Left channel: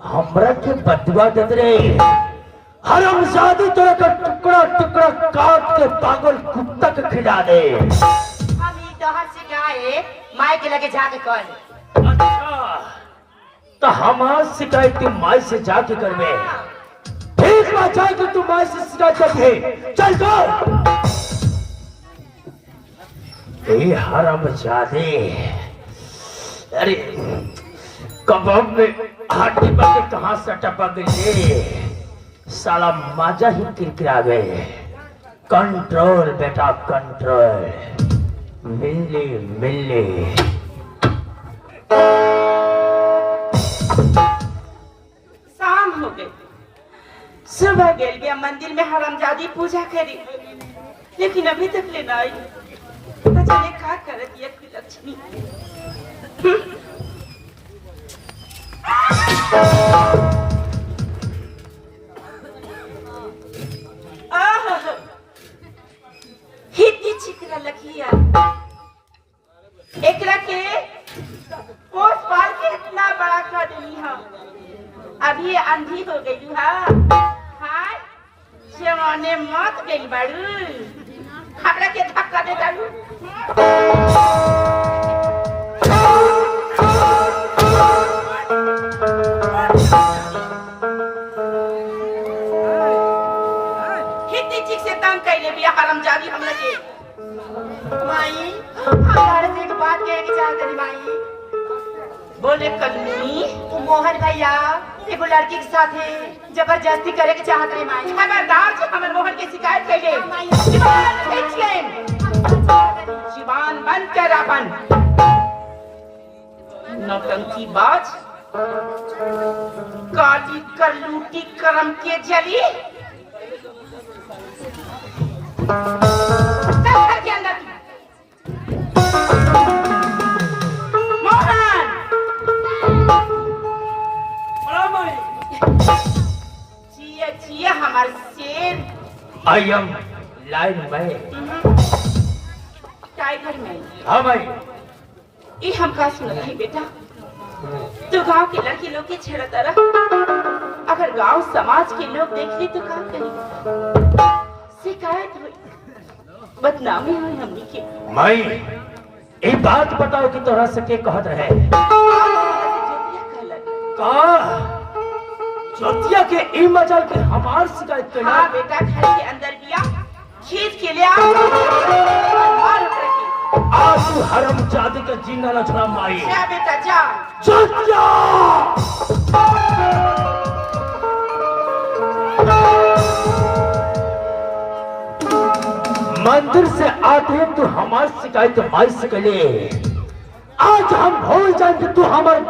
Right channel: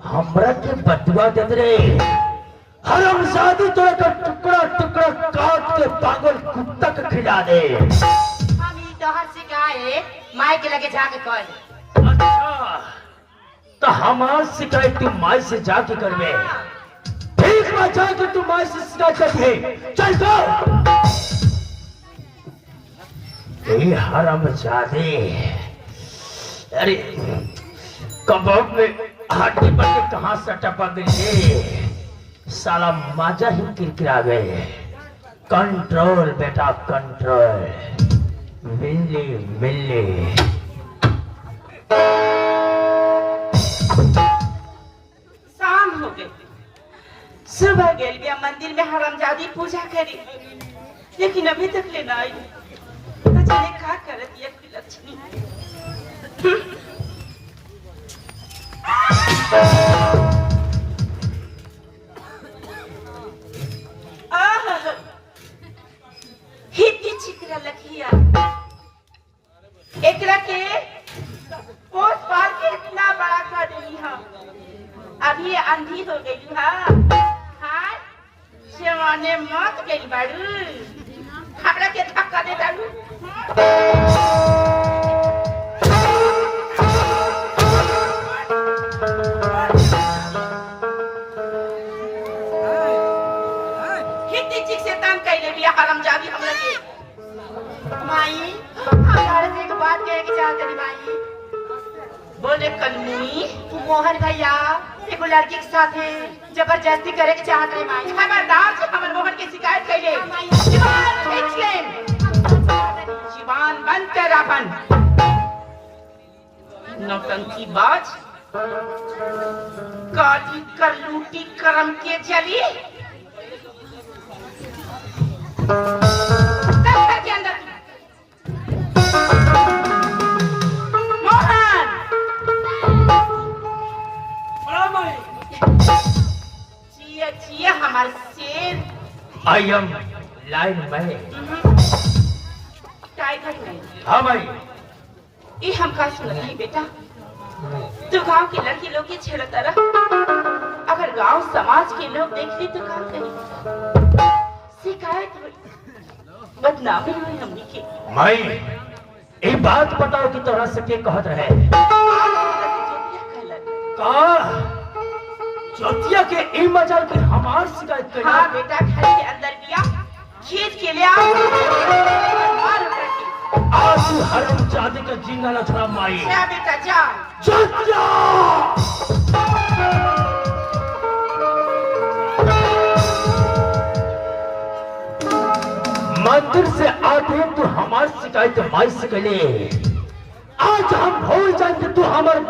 हमरा के बदुआ देत रे। हरामजादी तो का टुकड़ा टुकड़ा काट के पागल कुत्ता के खिला दे। हम ई तोहर से गाए माय के लगे जाके कर। अच्छा तो हमार शिकायत तू माई से जाके करवे। ठीक ना जाके तू माई से शिकायत करवे। चल जाओ। ए हरामजादे, अरे कबाब में हड्डी पर कहां से टपक गई। साला मजा ही किरकिरा गए। कंट्रोल बेटा कंट्रोल। मिल्ली मिल्ली। शाम हो गई। सुबह गेल गया मंदिर में हरामजादी पूजा करी, लेकिन अभी तक ले ना आई। जाने का करत ये की लक्ष्मी। हिती चित्र लखिया एकरा के पोस पाल के इतना बड़ा कर दी हम। अभी अंधी हो गई हाय सेवाने मत गई बाड़ू। हमरा के धक्का दे दारू। से तंग कैले बिया हरामजादी हमरा के। माई हमरा से एक बात कहे के चाहत रही माई। बोले कलमी मोहन भैया एगो लड़की के साथ जबरदस्ती करे के चाहत रही माई। खबरदार से हमर मोहन के शिकायत कैले। जीवान खींच ले। जीवान बंद कर अपन नौटंकी बाज। काली कर लूटी करम के जली। हमारे शेर आई एम लाइन में। टाइगर नहीं। हाँ भाई ये हम का सुन रही बेटा। तो गांव की लड़की लोग के छेड़ता रहा। अगर गांव समाज के लोग देख ले तो क्या करेंगे। शिकायत हुई, बदनामी हुई हमनी के। माई एक बात बताओ कि तोरा से के कहत रहे। जोतिया के ई मजा के हमार शिकायत कर। हाँ बेटा घर के अंदर दिया खींच के ले आज हरामजादी का जीना न छोड़ा माई। जा बेटा जा। जोतिया मंदिर से आते तू हमार शिकायत माई से करे। आज हम भूल जाए कि तू हमारे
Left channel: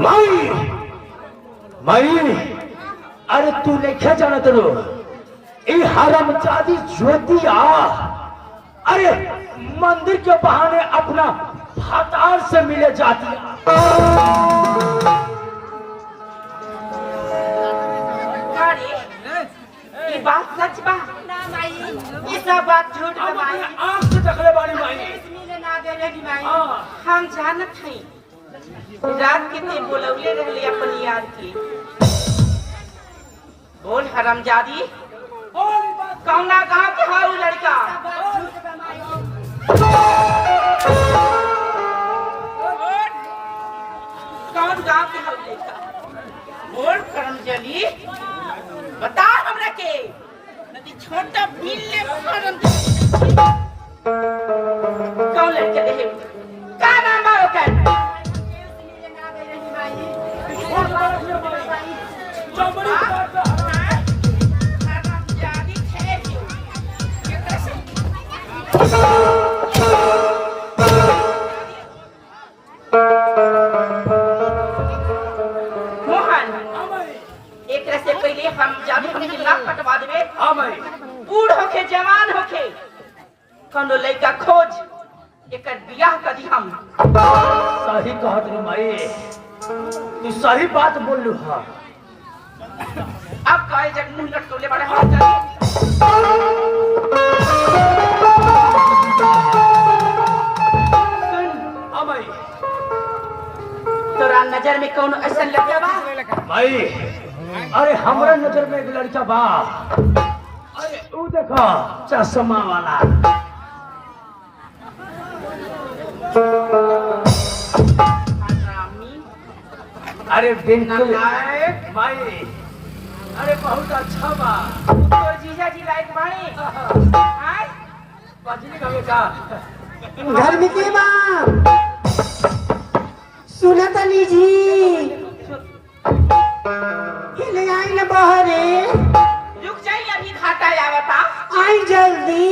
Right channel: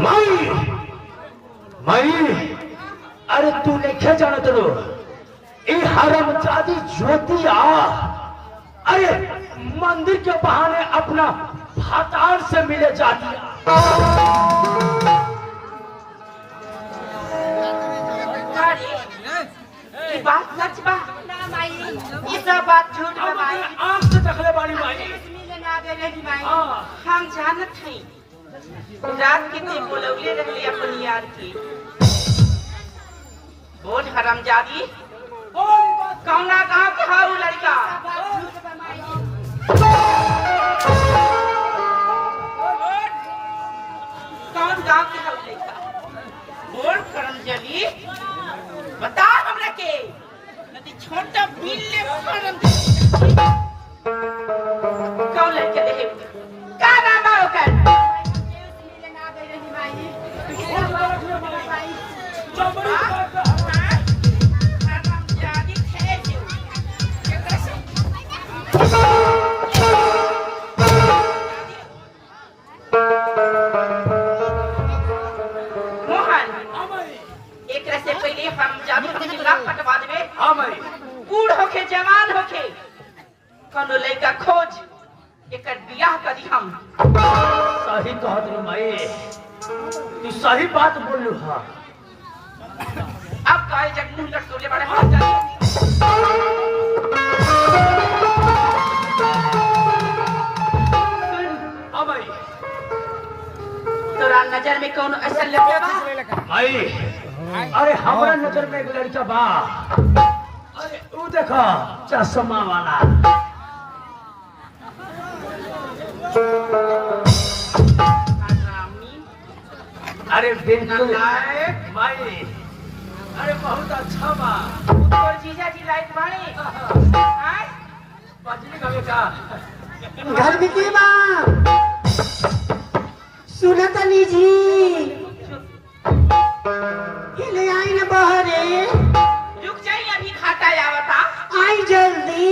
माई माई। अरे तू नहीं क्या जाना तेरो ये हरामजादी ज्योतिया। अरे मंदिर के बहाने अपना भातार से मिले जाती। ये बात सच बा ना माई। ये सब बात झूठ बा माई। आंख से तकले बाड़ी माई। मिले ना दे रही माई। हम जानत हई रात के ते बुलौले रहले अपन यार की। बोल हरामजादी कौना गांव के हाउ लड़का। कौन गांव के हाउ लड़का बोल हरामजादी बता हमरा के। नदी छोटा बिल्ले हरामजादी कौन लड़का देखे का नाम मारो कर। से पहले हम जादू के नाक कटवा देबे। हां भाई बूढ़ होके जवान होके कोनो लड़का खोज एक बियाह कदी हम। सही कहत रे माई, तू सही बात बोल लू। हाँ अब काहे जग मुंह लटकोले बड़े हाथ माई, तोरा नजर में कौन ऐसा लगे बा भाई? अरे हमारा नजर में एक लड़का बा। अरे वो देखो चश्मा वाला। अरे बिल्कुल भाई, अरे बहुत अच्छा बा। तो जीजा जी लायक बाड़े। हाय बजनी का बेटा घर में के बा सुनतनी जी ले आई ना बहरे। रुक जाई, अभी घाटा आवता। आई जल्दी।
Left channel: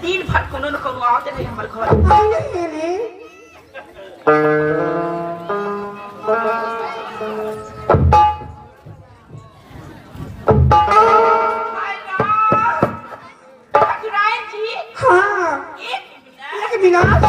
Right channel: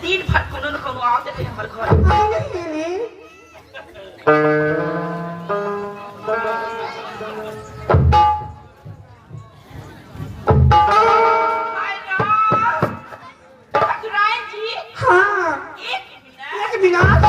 दिन भर कोनो न कोनो आवते रहे हमर घर। आई नहीं ले हाय राम ठकुराइन जी। हाँ एक एक मिनट।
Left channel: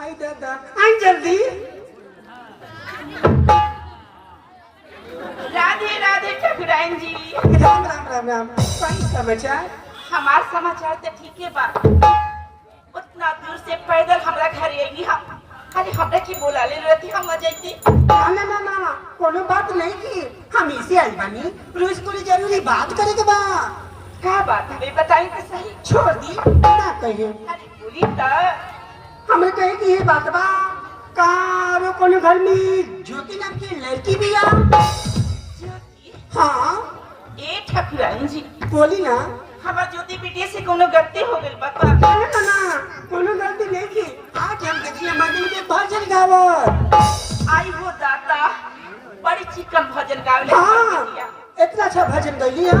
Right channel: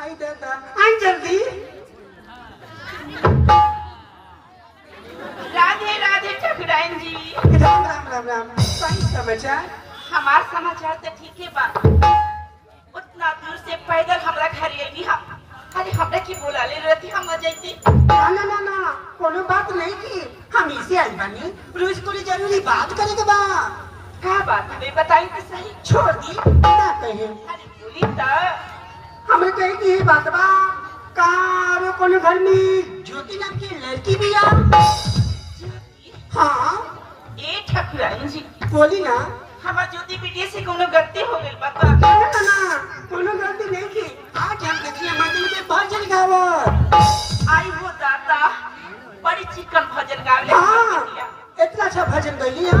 आई दादा आई जल्दी। राधे राधे ठकुराइन जी। राम राम राम राम। सही समाचार। हमार समाचार तो ठीक है बा। उतना दूर से पैदल हमरा घर आईनी हम। अरे हमरा की बोला ले रहती हम आ जाती। ना ना ना कोनो बात नहीं की हम इसे आई बानी। रोज थोड़ी जरूरी बात करे के बा। क्या बात है बताई तो सही। छोड़ दी ना कहे। अरे बोली तो हमें कहे कि ये बात बा कारो कोनो घर में ज्योति नाम की लड़की भी आ। ज्योति। हाँ ए ठकुराइन जी बोली ना। हमार ज्योति बेटी से कोनो गलती हो गई बता। ना ना ना कोनो गलती नहीं की। आज हम देखिए मंदिर के भजन गावत। आई हो दाता बड़ी चिकन भजन गावले। हाँ इतना अच्छा भजन गई है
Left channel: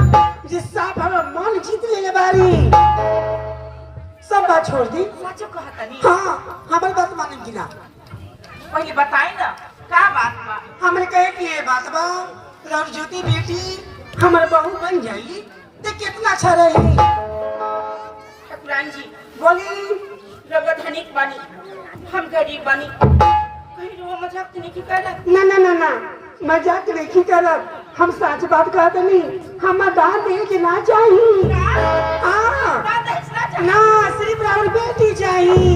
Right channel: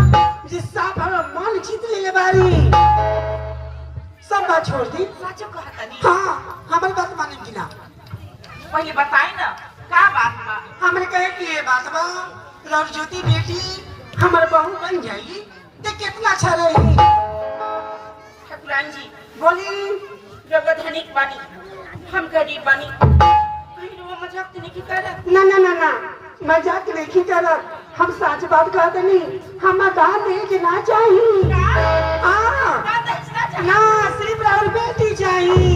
जिस साफ हमारा मन जीत ले बारी। सब बात छोड़ दी। सच कहता नहीं। हाँ हमारी बात माने की ना। पहले बताई ना क्या बात बा। हमने कहे कि ये बात बा और ज्योति बेटी हमारे बहू बन जाएगी तो कितना अच्छा रही। ठकुराइन जी बोली रउआ धनिक बानी हम गरीब बानी। कहीं रउआ मजाक तो नहीं की करत। ना ना ना ना मजाक नहीं करत। हम सच बात कहते नहीं। हम दान दे के ना चाहिए। हाँ ना सिर्फ और बेटी चाहिए। ये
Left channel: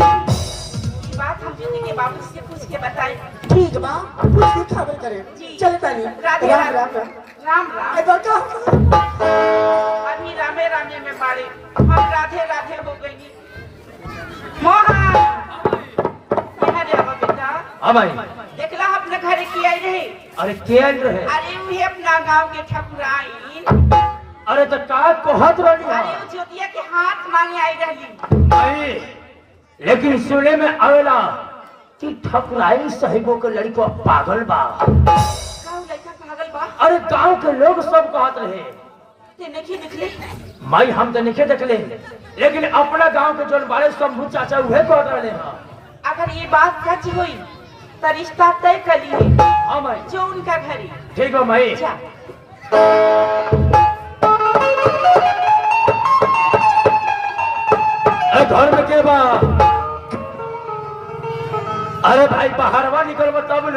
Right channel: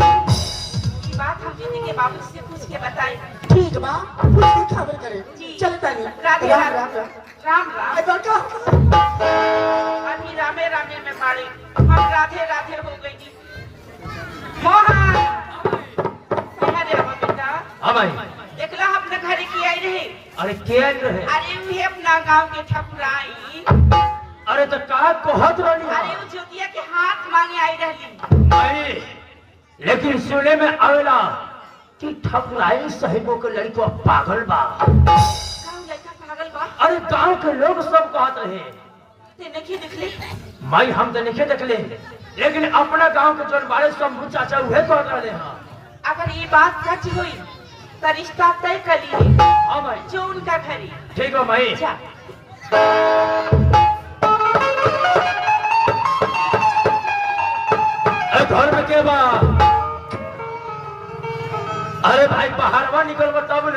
बात हम ज्योति के बाबू से पूछ के बताई। ठीक बा उसकी खबर करे। जी। चलता नहीं। राधे राम राधे। राम राम। राम राम। एक बार क्या अभी रामे रामे में बाड़े हम राधे राधे हो गई। मोहन यहाँ रे हो बेटा। हाँ भाई। देखला अपने घरे की आई रहे। अरे क्या रहे? अरे उहे अपना गांव के ठकुराइन। अरे तो का कहत रहनी अरे है? वो ज्योतिया के हाथ मांगे आई रहली। नहीं, लेकिन सुने में आवेला कि ठकुराइन साहिबों के लड़को पागल बा। काऊ लड़का पागल बा। अरे गांव के लोग सब कहत रहे। ते नहीं दिखले। माई हम तो नहीं देखले, लेकिन अपना गांव के जोन बारे शंभू चाचा उहे कहत रहे हैं। अगर ये बात सच हुई तो रिश्ता तय कर लिए। हाँ भाई जो उनका घरी। ठीक है भाई। जा। अरे घर में के बा? अरे भाई बाहरवा निकल तब न।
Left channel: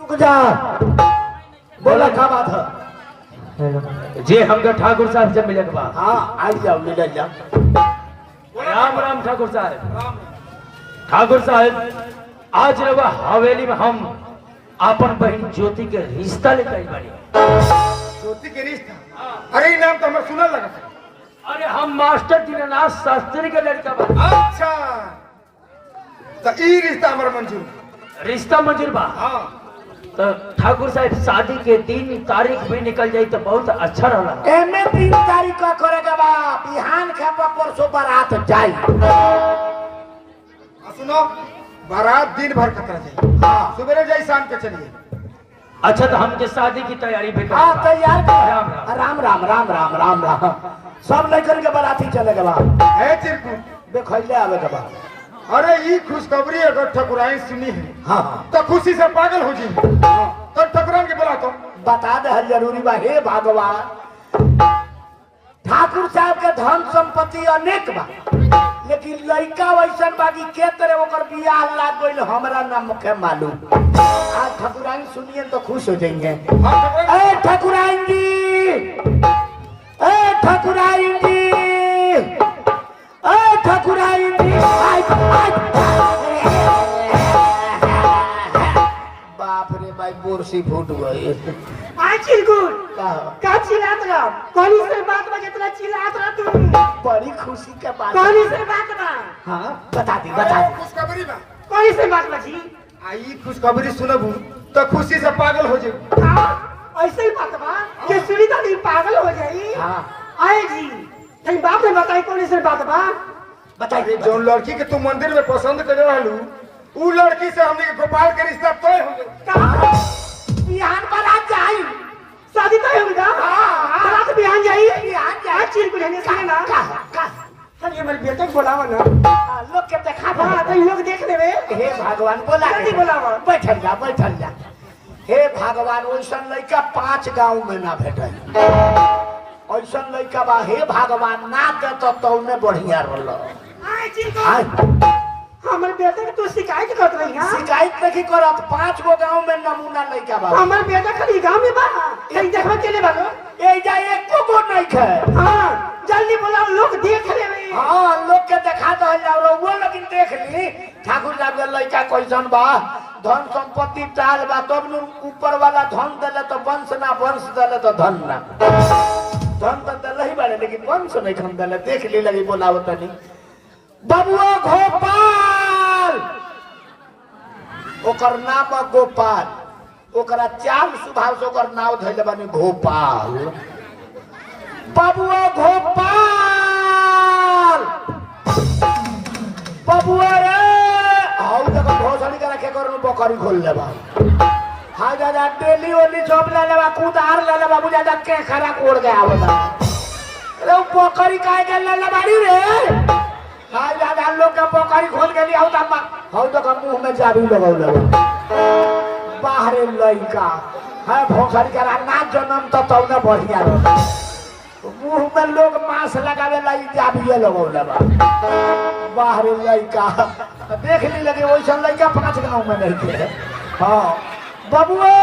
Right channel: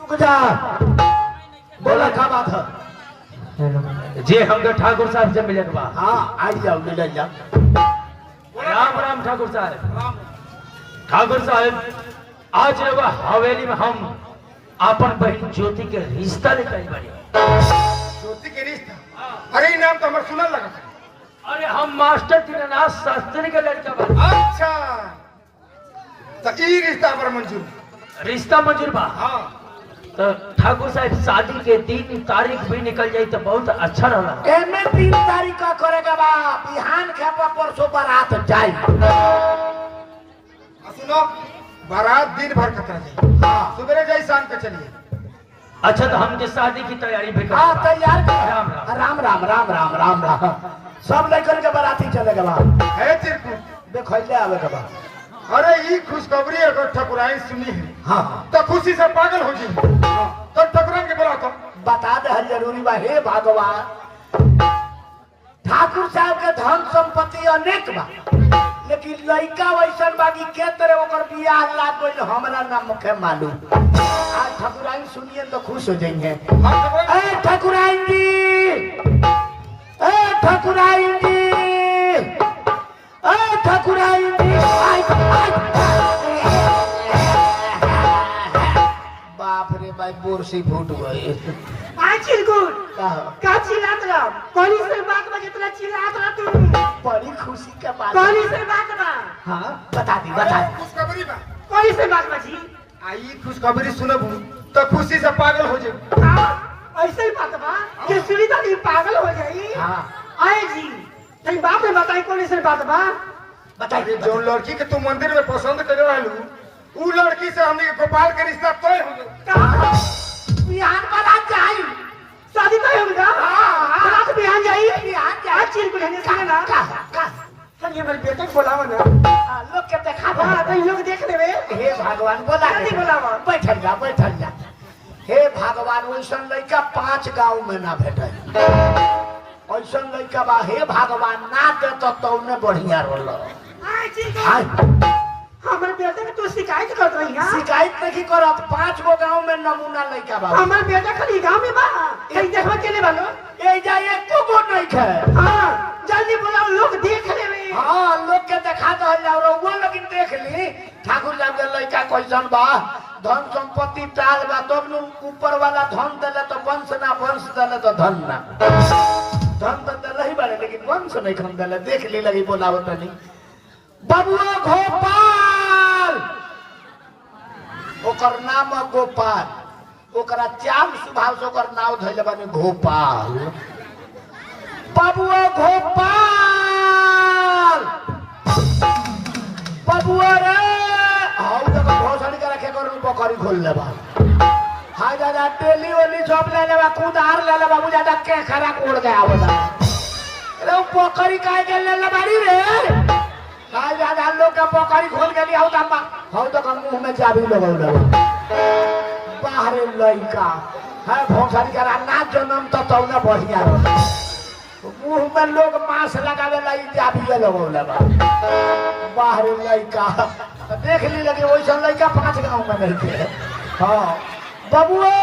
रुक जा। बोला क्या बात है? जे हमको ठाकुर साहब से मिले के बा। हाँ आई जाओ मिल जाओ। राम राम ठाकुर साहब। ठाकुर साहब आज लोग हवेली में हम अपन बहन ज्योति के रिश्ता लेकर बने। ज्योति के रिश्ता? अरे ये नाम तो हमें सुना लगा था। अरे हम मास्टर दीननाथ शास्त्री के लड़का बा। अच्छा तो ये रिश्ता हमारा मंजूर। रिश्ता मंजूर बा। हाँ तो ठाकुर साहब शादी के दिन तारीख भी निकल जाए तो बहुत अच्छा रहा। एमे 3 तारीख का करेगा बा। बिहान खापा परसों बारात जाई। सुनो बारात दिन भर कतरा जाए। हाँ सुबह जाए शाम के चलिए। अच्छा तो हमके शादी की तैयारी भी कर। हाँ तैयार राम कर। राम। राम राम राम राम राम राम। सब लेकर के बाराती चलेगा बा। है चिरकुट देखो ले आवे के बा। अरे ये खुशखबरी अगर ठकुराइन सुनी है हाँ तो खुशी से पागल हो जी। तो ठकुराइन के बोला तो बता दे है जरूरी बा। हे भगवान ठाकुर साहब के धन संपत्ति अनेक बा। लेकिन लड़का वैसन बाकी के तरह ओकर बियाह लाग गइल हमरा ना मुखे मालूम। आज ठकुराइन सुनिए तो खुश हो जाएंगे। ए ठकुराइन जी, ए ठकुराइन जी, ए ठकुराइन जी, बाप रे भाई बोरसी फूट गई। आई चिलकुट का का चिल्लात रहा कौन से बात में जितना चिल्लात रहा तू बड़ी खुशी के बात। कौन से बात बा हाँ बता दी बता दी। खुशखबरी बा। कौन से बात बची आई खुशखबरी सुनबू तो खुशी से पागल हो जाए। हाँ ऐसे ही बात बा कि सुनी तो नहीं पागल हो जाई। हाँ आई जी नहीं बात में बताई कौन से बात बा बताइए जो लड़की के तू मंदिर में पसंद कर रहलू ऊ लड़की से हमने के गोपाल के रिश्ता तय हो गए। बिहान पर आप जाई शादी तय होगा रात बिहान जाई बिहान जाई चिलकुट है सुने ना का चलिए मेरे बेटे को बुलाओ ना लोग के देखा हाँ तो लोग देख लेवे हे भगवान बोला जल्दी बुलाओ। बैठल जा बैठल जा। हे भगवान वैसन लड़का 5 गांव में ना भेटे। ऐसन लड़का बा हे भगवान ना दे तो तौने बढ़िया रोल। आई चिलकुट हमारे बेटे की तू शिकायत कर रही है शिकायत नहीं करत 5 गो गांव में नमूना लड़का बा। हमारे बेटा खाली गांव में बा कहीं देखो के लिए वालो ए जा एको गो नहीं है। हाँ जल्दी बुलाओ लोग देख लेवे हाँ लोग के देखा दे जाओ वो लेकिन देख ली ठाकुर साहब के लड़का कैसन बा धन संपत्ति चाल बा तब न ऊपर वाला धन देले तो वंश ना वंश देले तो धन ना। धन तो देले ही बारे लेकिन वंश नहीं खन देले। देख ली लगी बोलावत नहीं बबुआ गोपाल ओकर नाम है गोपाल ओकरा चाल स्वभाव से ओकर नाम धइले बानी गोपाल। बबुआ गोपाल बबुआ रे हाउ तक भोसड़ी का रखे करो बकरी खोल लेबा। हां दादा डेली वाली जॉब ले लेबा कुदार ले लेबा बुझा जा के खरा कोड़ गया बता रे बकरी काहे के ले लेबाड़ी रे। हां दादा लोग का बकरी खोल के लिया हाउ तक मुंह में चाबी लगाउ देबो बाहर लइका है भोसड़ी का ना जन्म तो तौने बढ़िया रहे। मुंह में लोग मांस लगावे लाई चाबिये लगौला बा बाहर लइका देख ली लगे वैसा लइका 5 गांव में नहीं थे। हाँ बबुआ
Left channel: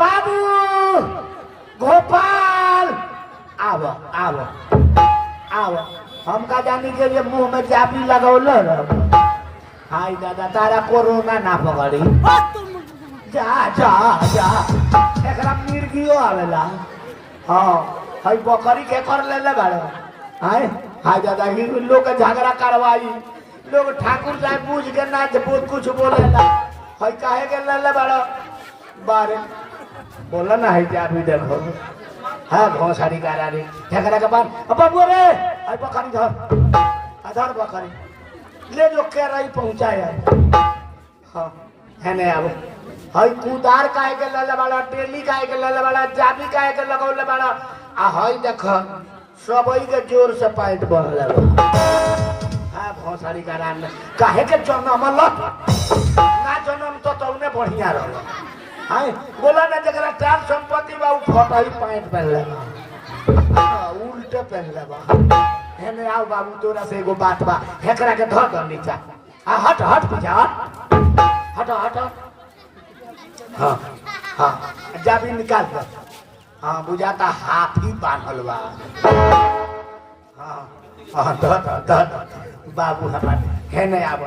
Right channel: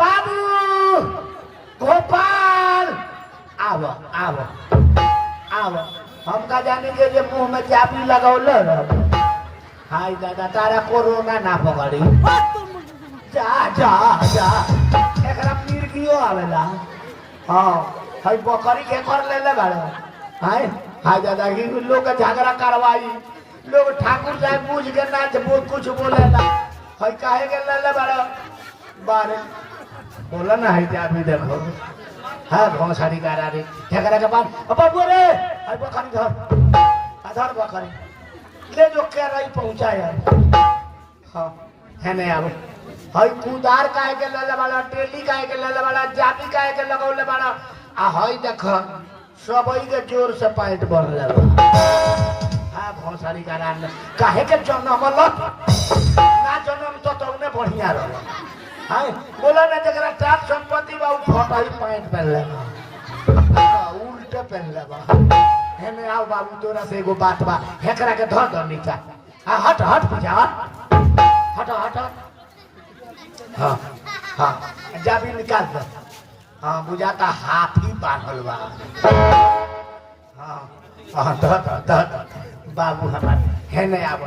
बाबू गोपाल आओ आओ आओ हमका जानी के लिए मुंह में चाबी लगौले हाय दादा तारा कोरोना ना पकड़ी जा जा जा एकरा मिर्गियो आवेला। हाँ भाई बकरी के कर ले ले बारे हाय हाय दादा ही लोग के झगड़ा करवाई लोग ठाकुर साहब पूछ के ना बहुत कुछ बोलेला हाय काहे के ले ले बारे बोला ना है आदमी देखो हाँ घोसड़ी करा रे झगड़ा के बाद बाबू रे हाय बकरी धर आधार बकरी ले जो के रही पहुंचाया। हाँ है नहीं आबो हाय कुदार काहे के ले बाड़ा टेली काहे के ले बाड़ा जाबी काहे के लगौले बाड़ा आ हाय देख सबई के जोर से पैंट बढ़ले बा। हां भोसड़ी का रान काहे के जन्म लप ना जन्म तो तौने बढ़िया रहल। हाय बोला ना जकरा चार संपत्ति बा उ फटई पैंट पहनले उल्टे पहनले बा। हेने आओ बाबू तोरा से एगो बात बा हेकरा के धर दो नीचा। हां हट हट पूजा हट हट। हाँ हाँ जाबी निकाल दे। हाँ बुझाता हाथी बांधल बा। हाँ हाँ द बाबू हमार है नहीं आब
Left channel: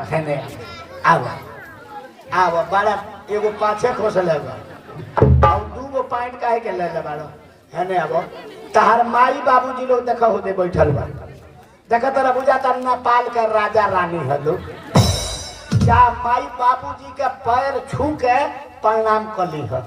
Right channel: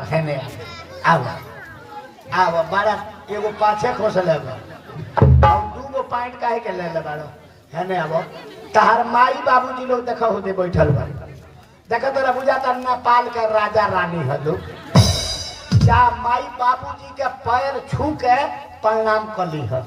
आब बड़ा एगो पाछे खोसल बा और 2 गो पैंट काहे के ले ले बाड़ो है नहीं आब तहार माई बाबूजी लोग देखा होते बैठल बा देखा तोरा बुझाता नेपाल का राजा रानी है लोग जा माई बाबूजी के पैर छू के प्रणाम कर ली है।